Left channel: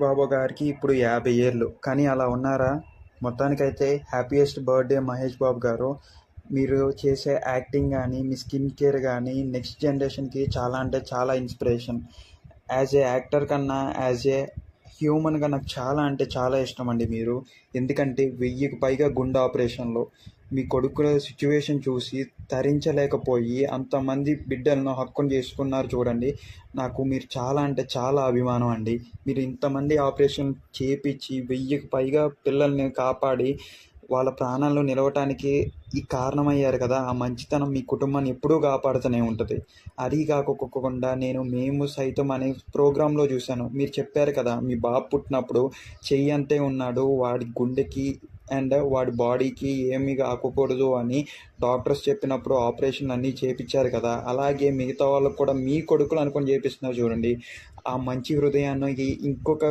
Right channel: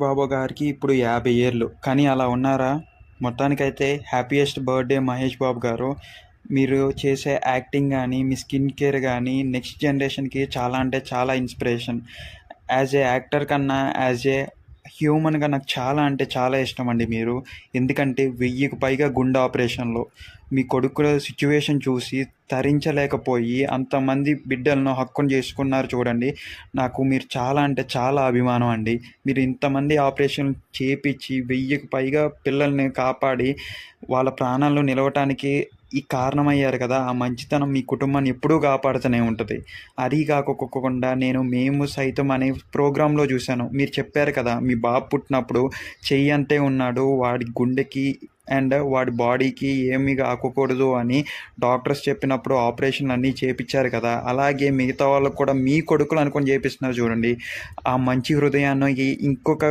బాబు గారికి ఇప్పుడు 50 ఏళ్ళు. కానీ అలా ఉన్నారా? మొత్తానికైతే హ్యాపీయెస్ట్ బర్త్‌డే మహేష్ బాబు గారు. మీరు చేసే యాక్టింగ్ గాని, మీ స్కిన్ కేర్ గాని నెక్స్ట్ జనరేషన్‌కి చాలా అంటే చాలా ఇన్‌స్పిరేషన్. యాజ్ ఏ యాక్టర్ కన్నా యాజ్ ఏ హ్యూమన్‌గా నాకు చాలా అంటే చాలా ఇష్టమండి మీరు. ఎందుకంటే 1000కి పైగా గుండె ఆపరేషన్‌లు. మీ కొడుకుల సిట్యుయేషన్ చూసి తరించలేకపోయి అంతమంది బిడ్డలను హక్కును చేసుకున్నారు చూడండి. నాకు మీరు చాలా అంటే చాలా అభిమానం అండి. మీరు ఇంతమంది ఆపరేషన్ చేపిచ్చి 1000కి పైగా పిల్లల్ని కాపాడి వాళ్ళ ప్రాణాలను నిలవటానికి ఈ కారణమయ్యారు కదా! ఆ మంచితనం మీ కుటుంబాన్ని ఎప్పుడూ కాపాడుతూనే ఉంటది. అది కాకోకుండా నేను 'మేము సైతం' అనే ప్రోగ్రామ్‌లో చూశాను. మీరు చెప్పారు కదా! మీ బాబు పుట్టినప్పుడు చెయ్యంతే ఉన్నాడు. వాడి గుండెకి అండ్ వాడి బాడీకి ఏమి కాకూడదు అని డాక్టర్స్ చెప్పినప్పుడు ఆపరేషన్‌లన్నీ చేపిచ్చారు కదా! అలాగే మిగతా వాళ్ళకి కూడా మీ కొడుకులు అనుకోని చేపిస్తున్నారు చూడండి. ఆ మంచి హృదయాన్ని ఇంకొక